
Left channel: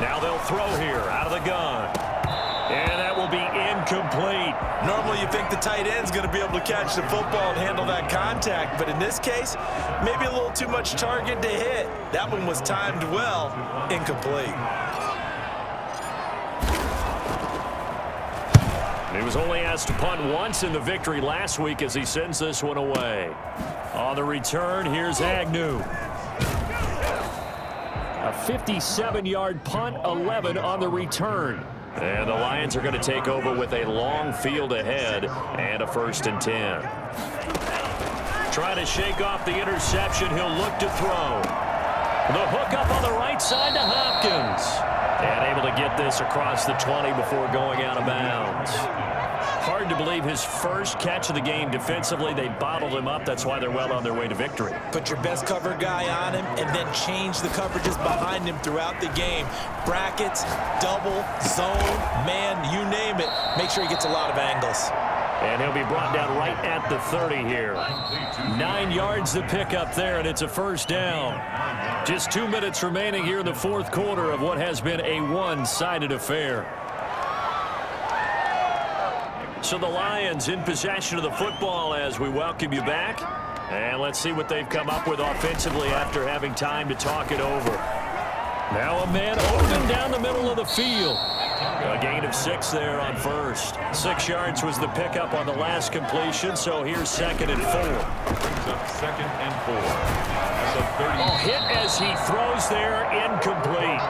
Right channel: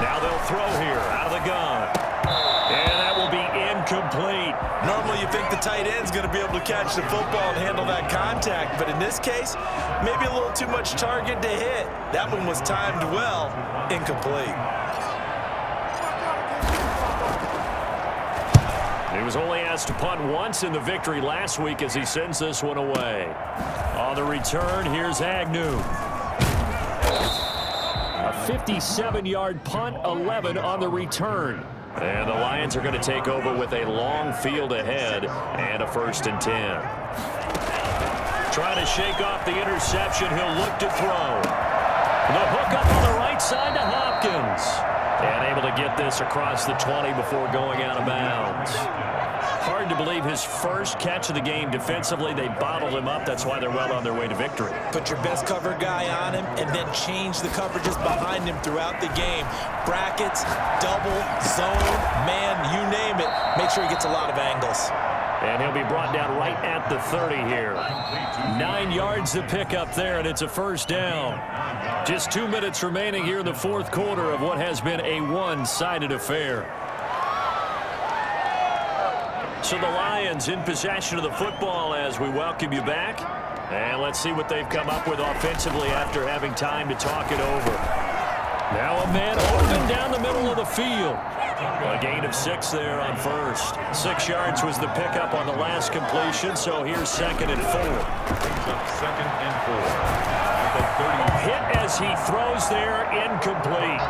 Now they'll throw here out of the gun. And that will be incomplete. Normally you think the tight end's going to be able to catch the football and handle that contact, but in this case, maybe a little too much target to hit. That one was timed well, incomplete. He was only asked to punt once in the victory last week as he sends this one away. On the return, here's Agnew. A 57-yard punt, 11 on the return. And the Lions are going to take over with a long field ahead and a 1st and 10. Trying to shake off the interception. He'll look to throw. The hook up on the right side to Hopkins. And able to get this across the 20 before going out of bounds. Hard to believe his first catch of the game defensively. They bottled him up. That's why they're well on their way to victory. Put your best cover guy on him and then change the coverages behind him throughout the game. Brackets, double, zone, man, you name it. Make sure he gets a lot of angles. And he'll be brought down right at the 30 here. 9 yards to pick up there, and it's a 1st down. Just 2 minutes remaining here in the 4th quarter of what has been a one-sided affair. So the Lions in possession of the football as we welcome you back. And let's see what they've come up with offensively after having time to talk it over. Now a man open down the middle of the field. A gain of 6 there on 1st. 6 yards was the pickup on the last completion, so here's 2nd and 4. Brings up 2nd and 4. At the 30. A hit as he throws there, incomplete.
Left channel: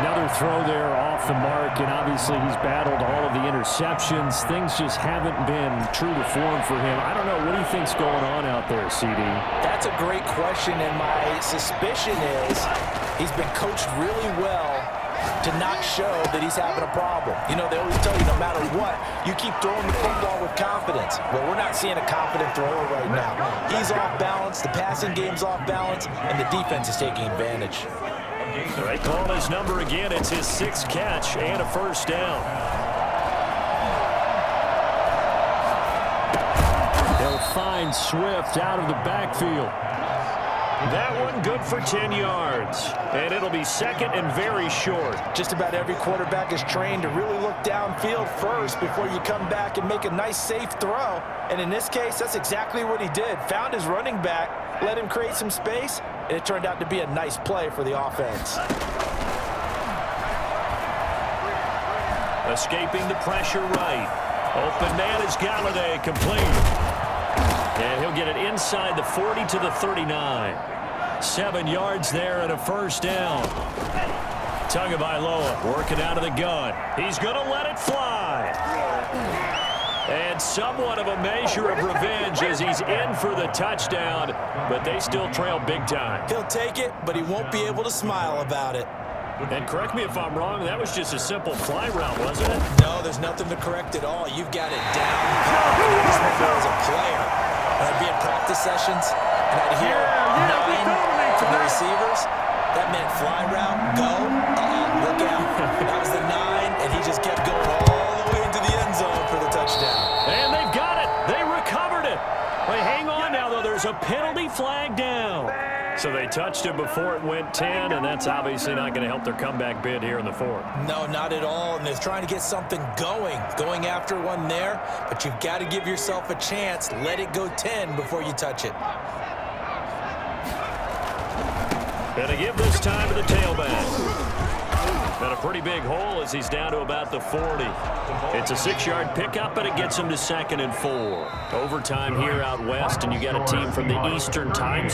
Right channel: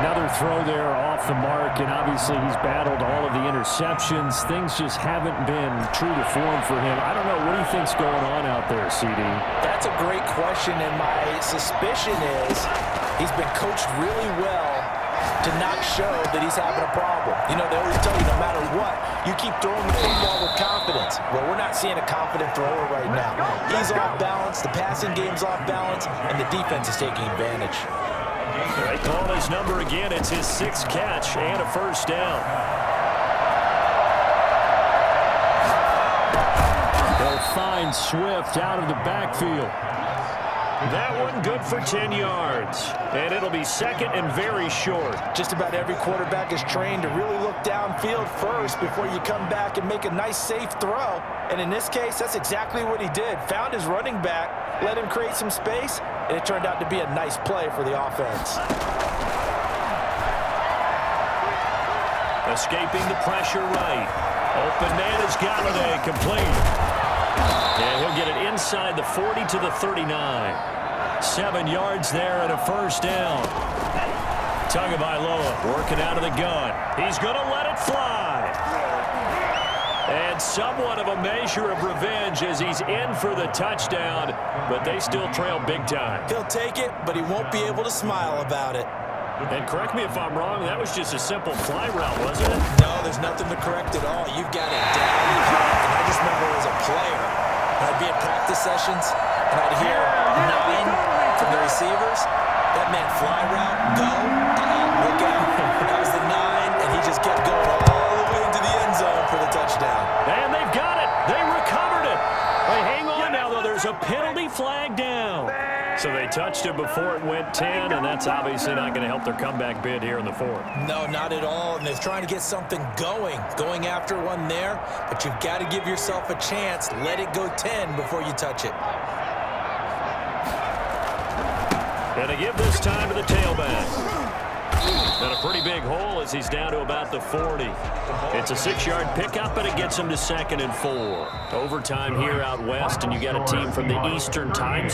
Another throw there off the mark, and obviously he's battled all of the interceptions. Things just haven't been true to form for him. I don't know. What do you think's going on out there, CD? That's a great question, and my suspicion is he's been coached really well to not show that he's having a problem. You know, they always tell you no matter what, you keep throwing the football with confidence. Well, we're not seeing a confident thrower right now. He's off balance, the passing game's off balance, and the defense is taking advantage. They call his number again. It's his 6th catch and a 1st down. They'll find Swift out of the backfield. That one good for 10 yards. And it'll be 2nd and very short. Just about every quarterback is trained to really look downfield first before you come back and make a nice, safe throw. And in this case, that's exactly what he did. Found his running back, let him create some space, and it turned out to be a nice play for the offense. Escaping the pressure right. Open man is Galladay, complete. And he'll get it inside the 40 to the 39. 7 yards there and a 1st down. Tagovailoa working out of the gun. He's going to let it fly. And somewhat of a measure of revenge as he's in for the touchdown, but they still trail big time. He'll take it, but he won't be able to smile about it. And correct me if I'm wrong, that was just a simple fly route, wasn't it? No, there's nothing to correct at all. You've got it down pat. And I just remember as a player, when I'd be in practice sessions and I'd hear 9 from the receivers, That meant fly route, go, look out. That was the 9, and he just kept going all the way into the end zone for the touchdown. And they've got it. They recovered it. Hey, hang on now, though. There's a penalty flag down. So they touched it before it went 10, and that's obviously not going to help their comeback bid here in the 4th. No, not at all, and they're trying to get something going after one there, but you've got to give yourself a chance. Let it go 10 before you touch it. And they give this time to the tailback. And a pretty big hole as he's down to about the 40. It's a 6-yard pickup, but it gets him to 2nd and 4. Overtime here out west, and you got a team from the Eastern Time